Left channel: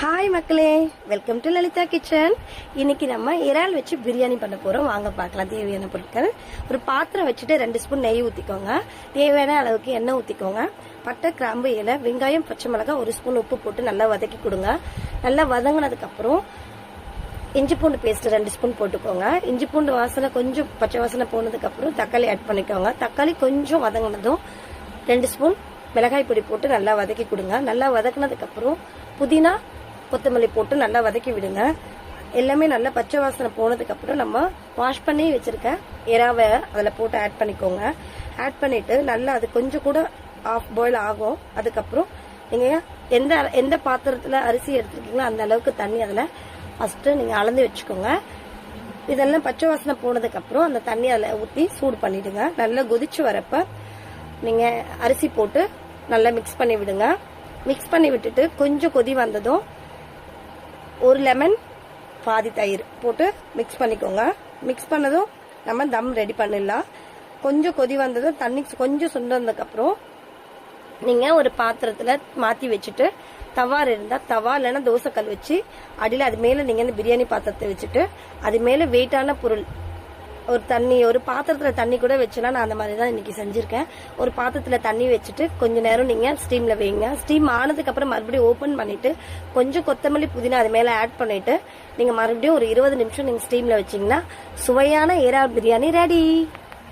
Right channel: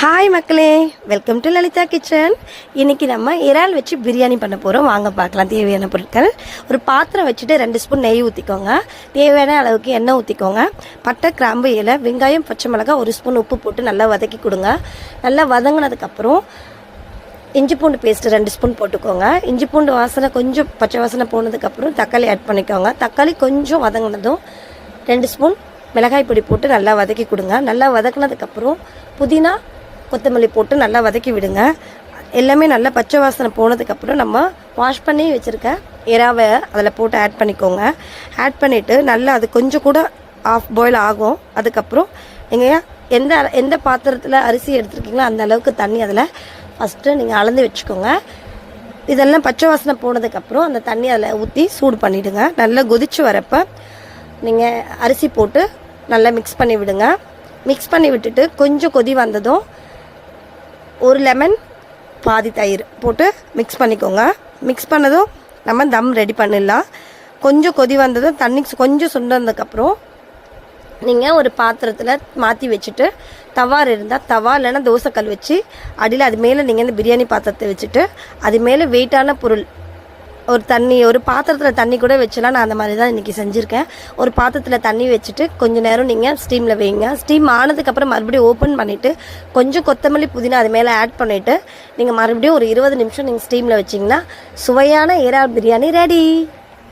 Hi மக்களே, welcome to Lalitha kitchen. இன்றைக்கி நம்ம இறால் வச்சு பிரியாணி பண்ண போகிறோம். வாங்க பார்க்கலாம். தேவையான பொருட்கள்: ஒரு பாத்திரம் வச்சுட்டு 2 ஸ்பூன் நெய் ஊற்றிக்கோங்க. தேவையான அளவுக்கு எண்ணெய் ஊற்றிக்கோங்க. பட்டை, கிராம்பு, இலை, வெங்காயம், பச்சை மிளகாய், 1 ஸ்பூன் உப்பு போட்டு நல்லா வதக்கி கொடுங்க. நல்லா வதங்கினதுக்கப்புறம் இஞ்சி பூண்டு பேஸ்ட்டு 2 ஸ்பூன் போட்டுக்கோங்க. இஞ்சி பூண்டு வாசனை கொஞ்சம் பச்சை வாசனை போனதுக்கப்புறம் தக்காளி ஆட் பண்ணிக்கோங்க. தக்காளி கொஞ்சம் வதங்கினதும் 2 ஸ்பூன் மிளகாய் பொடி போட்டு நல்லா வதக்கி கொடுங்க. நல்லா வதக்கினதுக்கப்புறம் புதினா, கொத்தமல்லி போட்டு நல்லா வதக்கி விடுங்க. எல்லாமே நல்லா பச்சை வாசனை போனதுக்கப்புறம் நம்ம வாஷ் பண்ணி வச்சுருக்க இறாவை அதில் போட்டு ஆட் பண்ணிக்கோங்க. ஆட் பண்ணிவிட்டு நல்லா அது கொஞ்சம் கூட ஆஃப் பாயில் ஆகும். அதுக்கப்புறம் நீங்கள் எந்த பாத்திரத்தில் அரிசி எடுத்துருக்கீங்களோ அந்த அளவுக்கு தண்ணி அதில் ஃபஸ்ட்டு நீங்கள் அளந்து வச்சுக்கோங்க. இதெல்லாம் பச்சை வாசனை போனதுக்கப்புறம் அந்த தண்ணி அதில் ஊற்றி சூடு பண்ணிவிடுங்க. நல்லா கொதித்து வரப்போ நீங்கள் அரிசி போட்டு நல்லா மிக்ஸ் பண்ணி விடுங்க. மிக்ஸ் பண்ணி விட்டுட்டு கொஞ்சம் கொதி வந்ததும் 1 லெமன், பாதி தயிர் போட்டு மிக்ஸ் பண்ணிக்கோங்க. மிக்ஸ் பண்ணதும் நம்ம தம் ரெடி பண்ணிடலாம். கொஞ்சம் கொதி வந்ததும் தண்ணி கொஞ்சம் சுண்டதுக்கப்புறம் நீங்கள் ஒரு பாத்திரத்தில் மாற்றி வச்சுட்டு தவா இருந்தால் தவா, இல்லைன்னா தோசைக்கல் வச்சு அடியில் அது மேலே நீங்கள் இந்த பிரியாணி பாத்திரத்தை வச்சுட்டு அது மேலே வெயிட்டான பொருள் ஒரு பாத்திரத்தில் தண்ணி கூட வச்சுலாம். நான் அந்த மாதிரி தான் இன்றைக்கி செஞ்சுருக்கேன். ஒரு பாத்திரத்தில் தண்ணி வச்சுட்டு கொஞ்சம் நேரம் நீங்கள் ஸ்டீமில் வைங்க. ஸ்டீம் ஆனதுக்கப்புறம் மறுபடியும் ஓப்பன் பண்ணிவிட்டு கொஞ்சம் கொத்தமல்லி, புதினா அது மேலே ஆட் பண்ணிவிட்டு நீங்கள் மறுபடியும் ஒரு 20 நிமிஷம் நீங்கள் ஸ்டீமில் வச்சிங்கன்னா சுவையான இறால் பிரியாணி ரெடி.